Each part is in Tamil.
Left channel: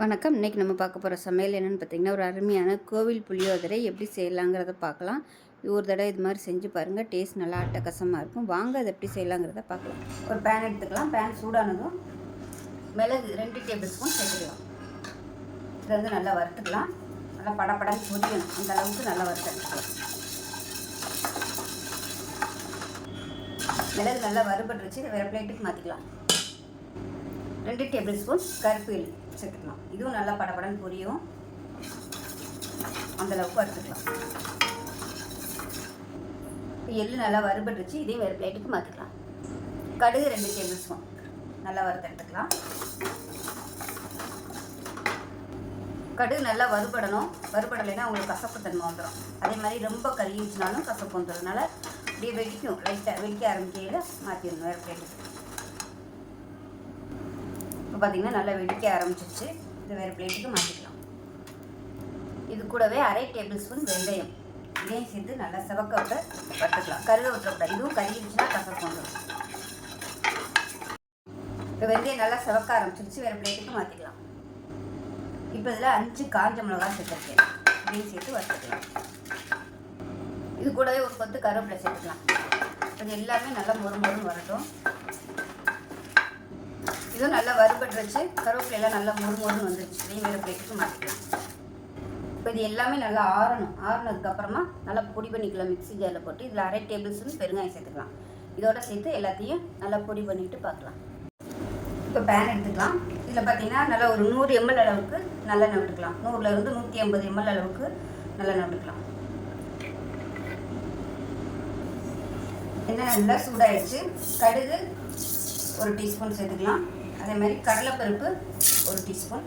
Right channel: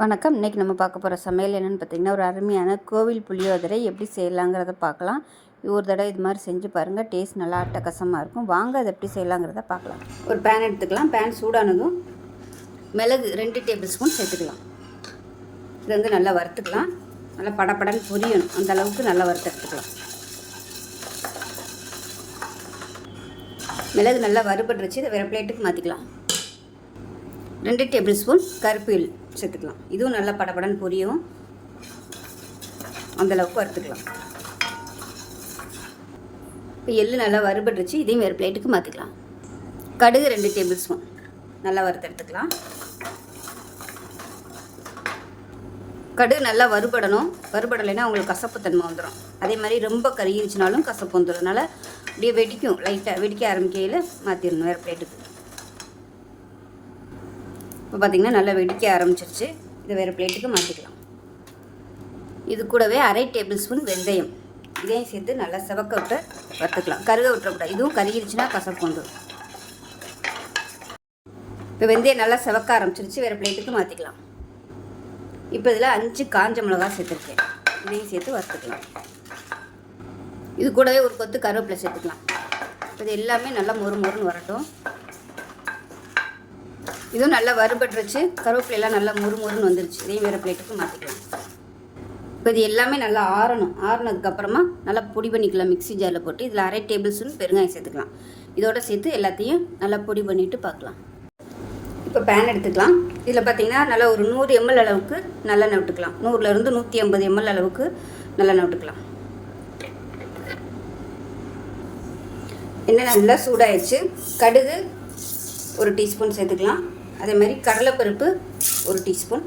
வணக்கம். இன்றைக்கி நம்ம பார்க்க போகிற சமையல் என்னென்னு பார்த்தீங்கன்னா ஒரு அருமையான கோவில் புளியோதரை எப்படி செய்யலாங்கிறத பார்க்கலாம். ஒரு தடவை இது மாதிரி செஞ்சு பாருங்கள் டேஸ்ட் நல்லா அட்டகாசமாக இருக்கும். வாங்க அதை எப்படி செய்யலாங்கிறத பார்க்கலாம். ஒரு பேன் எடுத்துக்கலாம். பேன் சூடானதும் மிளகு ரெண்டு டேபிள் ஸ்பூன் சேர்த்துக்கலாம். இது வந்து நல்லா வறுத்துக்கலாம். நல்லா படப்படன்னு புரியணும். அந்த அளவுக்கு நல்லா வறுத்து எடுத்துக்கலாம். மிளகு நல்லா வறுபட்டுருச்சு. இதை வேறு பிளேட்டுக்கு மாற்றிக்கலாம் ரெண்டு டேபிள் ஸ்பூன் கருப்பில் சேர்த்துக்கலாம். இதுவும் நல்லா படபடன்னு பொரியும். அந்தளவுக்கு வறுத்துக்கலாம். இப்போ எள்ளு நல்லா வறுபட்டுருச்சு. இதையும் வேறு பிளேட்டுக்கு மாற்றிக்கலாம் கடுகு ரெண்டு டேபிள் ஸ்பூன். நல்லா வறுத்து எடுத்துக்கலாம். கடுகு நல்லா வறுபடணும். வறுபடலைன்னா உங்களுக்கு கசப்பு தன்மை வந்துடும் அதே மாதிரி ரொம்ப கருகிருச்சுனாலும் கசப்பு வந்துடும் அதனால் அப்படியே வெடிக்கும். லைட்டாக வெடிக்க ஆரம்பிக்கையில் மாற்றிடணும் வேறு பிளேட்டுக்கு. பார்த்திங்கன்னா நல்லா வெடிக்க ஆரம்பிச்சிருச்சு. இது வேறு பிளேட்டுக்கு மாற்றிக்கலாம் இது கூடவே அரை டேபிள் ஸ்பூன் வெந்தயம். இதையும் சேர்த்து நல்லா செவக்க விட்டு வறுத்துக்கலாம். கருக விட்டுறக்கூடாது. இதுவும் கருகிருச்சுன்னா கசப்பு வந்துடும் இப்போ வெந்தயம் நல்லா செவக்க ஆரம்பிச்சிருச்சு. வேறு பிளேட்டுக்கு மாற்றிக்கலாம் இப்போ இதில் அஞ்சு காஞ்ச மிளகா சேர்த்துருக்கேன். இதையும் சேர்த்து வறுத்துக்கலாம். இது கூடவே ஒரு கொத்து கருவேப்பிலை சேர்த்துக்கலாம். இது எல்லாமே நல்லா மொறு மொறுன்னு வரட்டும். இதுவும் நல்லா வறுபட்டுருச்சு. கருவேப்பிலையெல்லாம் நல்லா முறு முறுன்னு வந்துருச்சு. இதே வேறு பிளேட்டுக்கு மாற்றிக்கலாம் இப்போ இது எல்லாமே நல்லா ஆறணும். ஆறுனதுக்கப்புறமா நல்லா பொடி பண்ணிக்கலாம். மிக்ஸி ஜாரில் போட்டு இதில் அரை டேபிள் ஸ்பூன் பெருங்காயம் சேர்த்துக்கலாம். இதோட சேர்த்து எல்லாத்தையும் நல்லா பொடி பண்ணிவிட்டு பார்க்கலாம். இப்போ பேன் எடுத்துக்கலாம். இதில் பார்த்தீங்கன்னா நல்லா ஒரு நூறு எம்எல் அளவுக்கு நல்லெண்ணெய் விட்டுக்கலாம். நூறுலேருந்து நூற்றி ஐம்பது எம்எல் அளவுக்கு நல்லெண்ணெய் விட்டுக்கலாம். எண்ணெய் நல்லா சூடாயிடுச்சு கடுகு ஒரு டீஸ்பூன் சேர்த்துக்கலாம். அதே மாதிரி கடலைப்பருப்பு ஒரு டீஸ்பூன்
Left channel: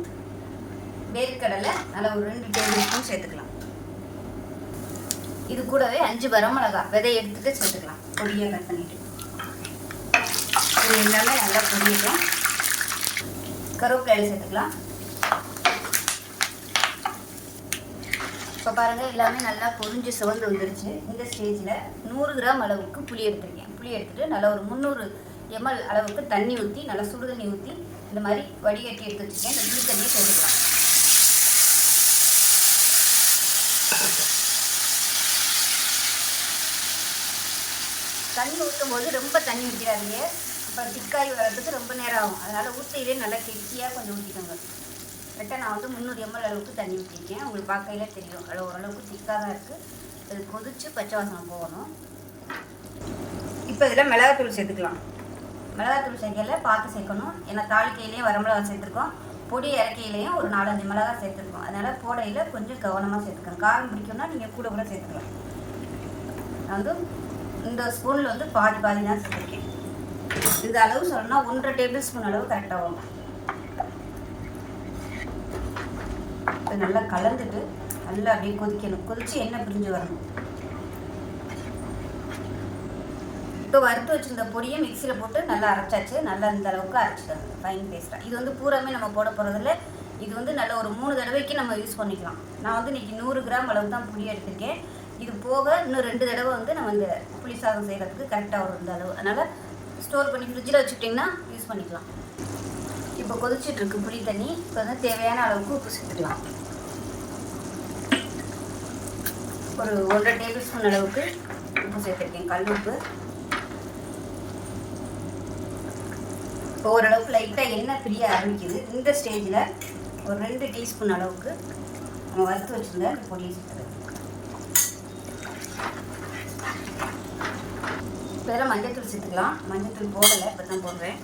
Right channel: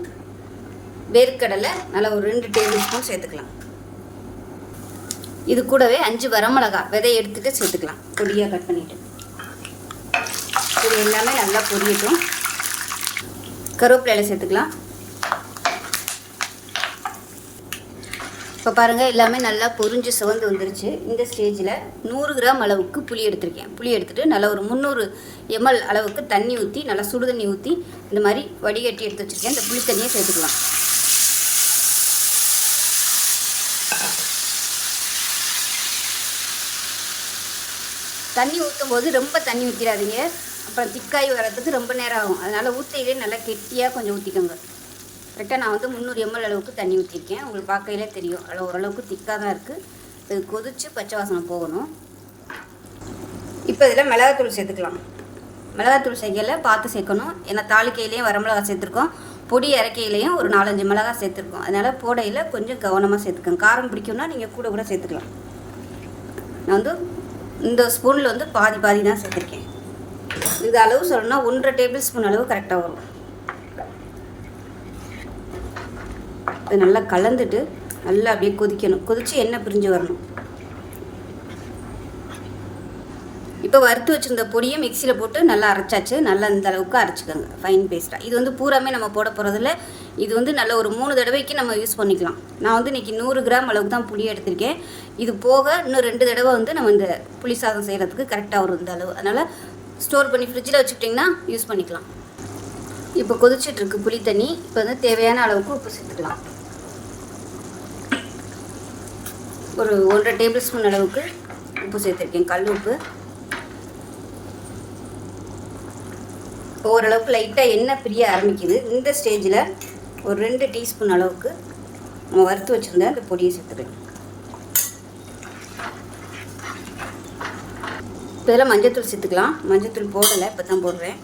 வேர்க்கடலை நல்லா ஒரு ரெண்டு டேபிள் ஸ்பூன் சேர்த்துக்கலாம். இது கூடவே அஞ்சு வரமிளகா விதையை எடுத்துட்டு சேர்த்துக்கலாம். பொடியாக கட் பண்ணிவிட்டு இது எல்லாமே நல்லா பொரியட்டும். கருவேப்பிலையில சேர்த்துக்கலாம். இப்போ பாருங்கள் எல்லாமே நல்லா பொறிஞ்சு சுவந்து வந்துருச்சு. இந்த ஸ்டேஜில் நூறு கிராம் அளவுக்கு புளி எடுத்திருக்கேன். புளி எடுத்துகிட்டு நல்லா ஒரு முந்நூறு எம்எல் அளவுக்கு தண்ணி ஊற்றி நல்லா சுடு தண்ணி ஊற்றி இந்த மாதிரி வடிகட்டி எடுத்து வச்சுருக்கேன். இந்த புளி தண்ணியை சேர்த்துக்கலாம். தண்ணி ஊற்றும் போது ரொம்ப தண்ணி ஊற்றிடாதீங்க அப்புறம் திக்காய் வர்றதுக்கு ரொம்ப நேரம் ஆகும். அதனால் ஊற்றையிலே நல்லா கெட்டியாக கொஞ்சம் ஊற்றிக்கோங்க ரிட்டன் நான் வந்து முந்நூறு எம்எல் அளவுக்கு தண்ணி ஊற்றிருக்கேன் உங்களுக்கு பார்க்கையிலே தெரியும். அது ஓரளவுக்கு திக்காக தான் இருக்குது இது கொதித்து பச்சை வாசனை போகணும். இப்போ இதில் மிளகாத்தூள் சேர்த்துக்கலாம். மிளகாத்தூள் சேர்க்கையில் பார்த்து சேர்க்கணும். ஏன்னா தாளிக்கையிலையும் வரமிளகா சேர்த்துருக்கோம். பொடி இறக்கையிலையும் ஒரு நாலஞ்சு மிளகா சேர்த்துருக்கோம். அதனால் போடையில் கொஞ்சம் கவனமாக சேர்த்துக்கோங்க. காரம் பிடிக்கும்னா நீங்கள் கூட கூட சேர்த்துக்கலாம். நான் வந்து இந்த ஸ்பூனில் வந்து பாதி பாதி தான் சேர்த்துருக்கேன். இந்த அளவு சொல்லணும்னா ஒன்றரை டேபிள் ஸ்பூன் அளவு கரெக்டாக வரும். அது நல்லா கலந்துட்டு நல்லா அப்படியே கொதிக்கணும். கொதித்து எண்ணெய் பிரிஞ்சு வரணும். இப்போ வறுத்து வச்சுருந்த பொடியை மிக்சியில் போட்டு நல்லா அரைச்சாச்சு. நல்லா இந்த அளவுக்கு அரைச்சிக்கோங்க. ஃபைன் பேஸ்ட்டாக இது வந்து பூராமே நம்ம போட போகிறதில்ல இது வந்து நல்ல ஒரு மூணு தடவைக்கு நம்ம யூஸ் பண்ணிக்கலாம். நான் வந்து இன்றைக்கி நூறு கிராம் அளவுக்கு தான் புளி எடுத்திருக்கேன். இது போக இன்னும் ரெண்டு தடவை வந்து நம்ம இந்த புளி சாதம் செய்கிறதுக்கு கரெக்டாக வரும் இந்த அளவு. அதனால் ஸ்டோர் பண்ணி ஃப்ரிட்ஜில் வச்சுக்கிட்டிங்கன்னா யூஸ் பண்ணிக்கலாம். இப்போ கொதிச்சிட்ருக்கு புளி தண்ணி. இப்போ வந்து தேவையான அளவுக்கு உப்பு சேர்த்துக்கலாம். ஒரு ஒன்றரை டேபிள் ஸ்பூன் அளவுக்கு உப்பு சேர்த்துருக்கேன் கல் உப்பு. இப்போ ஓரளவுக்கு லைட்டாக எண்ணெய் பிரிய ஆரம்பிக்குது. இந்த ஸ்டேஜில் ஒரு ரெண்டு டீஸ்பூன் அளவுக்கு நம்ம வறுத்து வச்சுருந்தேன் அந்த பொடியை சேர்த்துக்கிறேன் இப்போ இதெல்லாம் மஞ்சத்தூள் சேர்த்துக்கலாம். மஞ்சத்தூள் போடலை இப்போ தான் போடுறேன்.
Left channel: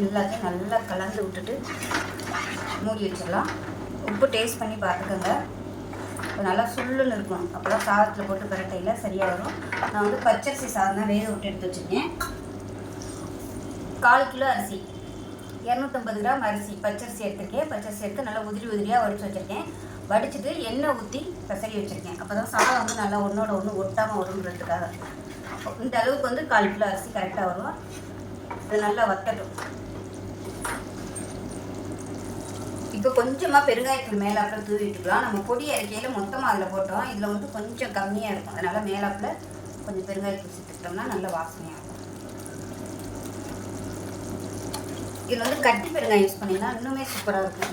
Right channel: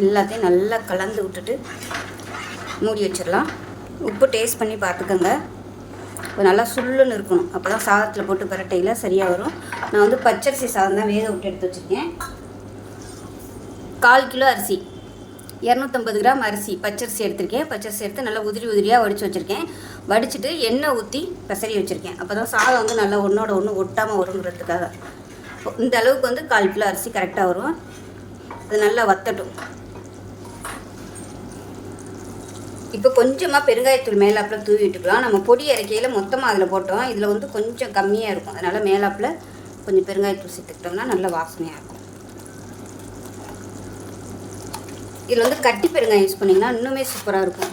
எல்லாத்தையும் நல்லா கலந்து விட்டுட்டு மூடி வச்சிடலாம். உப்பு டேஸ்ட் பண்ணி பார்த்துக்கோங்க. இப்போ நல்லா சுள்ளுன்னு இருக்கணும். அப்போ தான் சாதத்தில் போட்டு பரட்டையில் சரியாக வரும். நான் வந்து பச்சரிசி சாதம் தான் வேக விட்டு எடுத்து வச்சுருக்கேன். கால் கிலோ அரிசி. இரநூத்தம்பது கிராம் அரிசி பச்சரிசி எடுத்திருக்கேன். பச்சரிசி எடுத்து நல்லா உதிரி உதிரியாக வடித்து வச்சுருக்கேன். வடிச்சிட்டு எண்ணெய் ஊற்றி பசரி வச்சுருக்கேன். அப்போ தான் சாதம் வந்து நல்லா ஒன்றோட ஒன்று ஒட்டாமல் வருங்கிறதுக்காக இந்த அளவுக்கு வந்து கால் கிலோ அரிசி கரெக்டாக வரும். அது நல்லா வத்தட்டும். இப்போ கொஞ்சமாக பெருங்காயத்தூள் மேலாப்பில் தூவி விட்டுக்கலாம். நம்ம பொடி இறக்கையில் மொத்தமாக அதில் போட்டோம். இதில் வந்து கொஞ்சம் கம்மியாக இருக்கும். அதனால் மேலாப்பில் கொஞ்சம் பெருங்காயத்தூள் சேர்த்துக்கிட்டோம்னா நல்ல வாசனையாக இருக்கும். இதில் வந்து கட்டி பெருங்காயம் யூஸ் பண்ணிங்கன்னா இன்னுமே சூப்பராக இருக்கும்.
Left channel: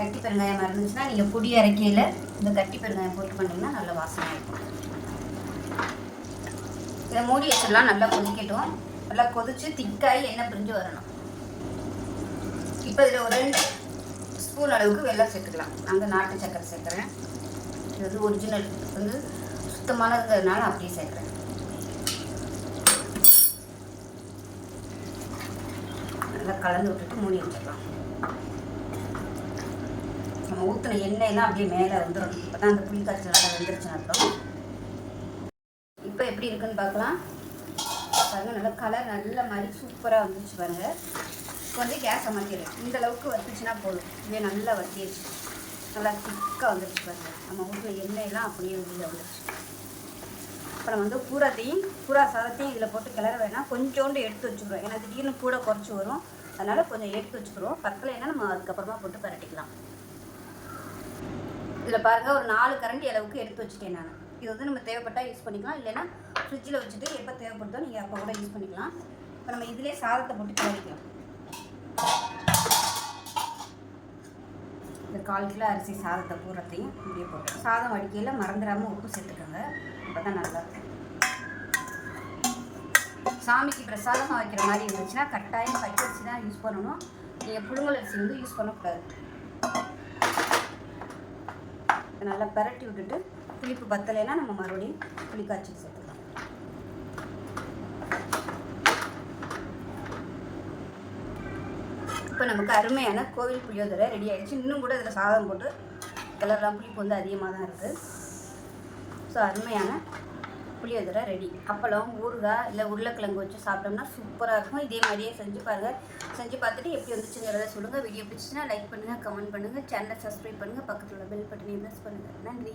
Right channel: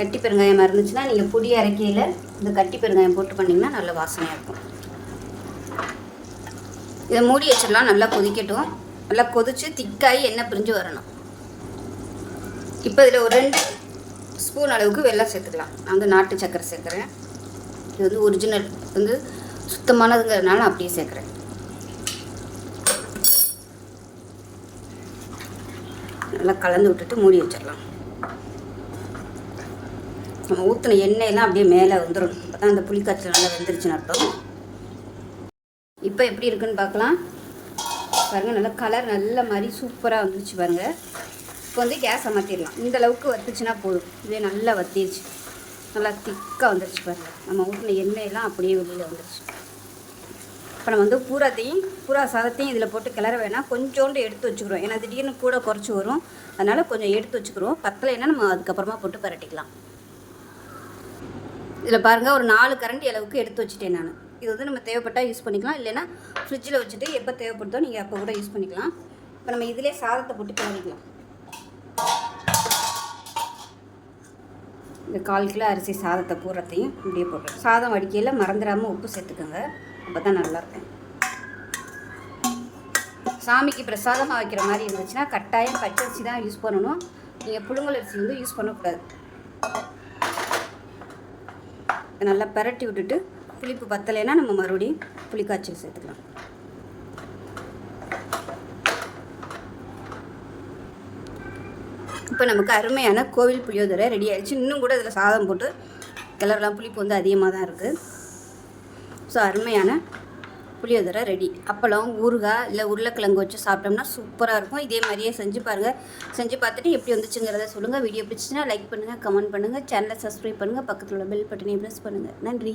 கட்டி பெருங்காயம் இருந்துச்சுன்னா நீங்கள் பொடி அரைக்கையில் இந்த கட்டி பெருங்காயம் போட்டு பண்ணிங்கன்னா நல்ல வாசனையாக இருக்கும். இதை மூடி வச்சிடலாம் நல்லா கொதிக்கட்டும். நல்லா கொதிச்சு திக்காகி எண்ணெய் பிரிஞ்சு வரணும். இப்போ இதில் ஒரு ரெண்டு ஸ்பூன் அளவுக்கு வெள்ளம் சேர்த்துக்கலாம். நான் வந்து நாட்டு சக்கரை சேர்க்குறேன். இது வந்து ஒரிஜினல் வந்து சுத்தமானதுங்கிறதுனால நான் அப்படியே சேர்க்குறேன். நல்லா கலந்து விட்டுட்டு மூடி வச்சிடலாம். நம்ம ஊற்றின எண்ணெயெல்லாம் அப்படியே மேலே வந்துடும் அப்போ தான் அந்த புளிக்காய்ச்சல் நல்லா வெந்துருச்சுன்னு அர்த்தம். இப்போ எப்படி இருக்குன்னு பார்க்கலாம். பாருங்கள் நல்லா கலர் நல்ல மாதிரி சூப்பராக வந்துருச்சு பாருங்கள் இப்போ வந்து கேஸ் அமர்த்திடலாம். இந்த அளவுக்கு வத்துச்சுன்னா போதும். இதே நல்லா வத்திடுச்சு நல்லா திக்காக வந்துடுச்சு பாருங்கள் நம்ம ஊற்றின எண்ணெயெல்லாம் அப்படியே வெளியில் வந்துடுச்சு இப்போ நம்ம வந்து பூராத்தையும் பூரா சாதத்தையும் இதில் போட்டு கிளற வேணாம். கொஞ்சோண்டு எடுத்து வச்சுக்கிறோம். ஏன்னா திடீர்னு கூட குறைச்சி வரும். அதனால் கொஞ்சம் எடுத்து வச்சுக்கிறோம். பத்தலைன்னா நம்ம அதுக்கப்புறமா போட்டு பரட்டிக்கலாம். இதில் பாருங்கள் ஒரு நாலு கரண்டி அளவுக்கு எடுத்து வச்சுட்டேன் நான். இது வந்து நம்ம தேவைப்பட்டால் யூஸ் பண்ணிக்கலாம். இல்லைன்னா ஃப்ரிட்ஜில் வச்சுட்டு எப்போ தேவைப்படுதோ நீங்கள் அப்போ கூட யூஸ் பண்ணிக்கலாம். இப்போ நம்ம இதிலே சாதத்தை போட்டு கிளறிக்கலாம். இந்த கால் கிலோ அரிசி சாதத்தை பூரத்தையும் இப்படியே போட்டு சாதம் வடிக்கையில் மறந்துடாமல் உப்பு சேர்த்துக்கோங்க. அப்போ தான் நல்லாயிருக்கும் சாமிக்கு பிரசாதமாக வைக்கிற மாதிரி இருந்துச்சுன்னா கட்டாயம் பச்சரிசி தான் யூஸ் பண்ணணும். நீங்கள் புழுங்கல் அரிசி வந்து யூஸ் பண்ணக்கூடாது. நல்லா பரட்டி விட்டுட்டு புளிப்பு பத்தலைன்னா நம்ம மறுபடியும் புளிக்காய்ச்சல் சேர்த்துக்கலாம். இப்போ நமக்கு அருமையான கோவில் புளியோதரை ரெடி ஆகிடுச்சு இன்னும் கூட இதில் சாதம் போட்டு கிளறலாம் புளிப்பு வந்து அதிகமாக தான் இருக்குது ஸோ அருமையான புளியோதரை ரெடி அப்பளம் ஊறுகாய் இல்லை உருளைக்கிழங்கு வச்சு சாப்பிட்டோம்னா சூப்பராக இருக்கும். இதே மாதிரியே செஞ்சு பாருங்கள் செஞ்சு பார்த்துட்டு எப்படி வந்துச்சுங்கிறத சொல்லுங்கள் வீடியோ பிடிச்சின்னா லைக் பண்ணுங்கள் கமெண்ட் பண்ணுங்கள் சேனலை சப்ஸ்கிரைப் பண்ணுங்கள் பக்கத்தில் உள்ள பெல் பட்டனையும் ப்ரெஸ் பண்ணுங்கள் நன்றி.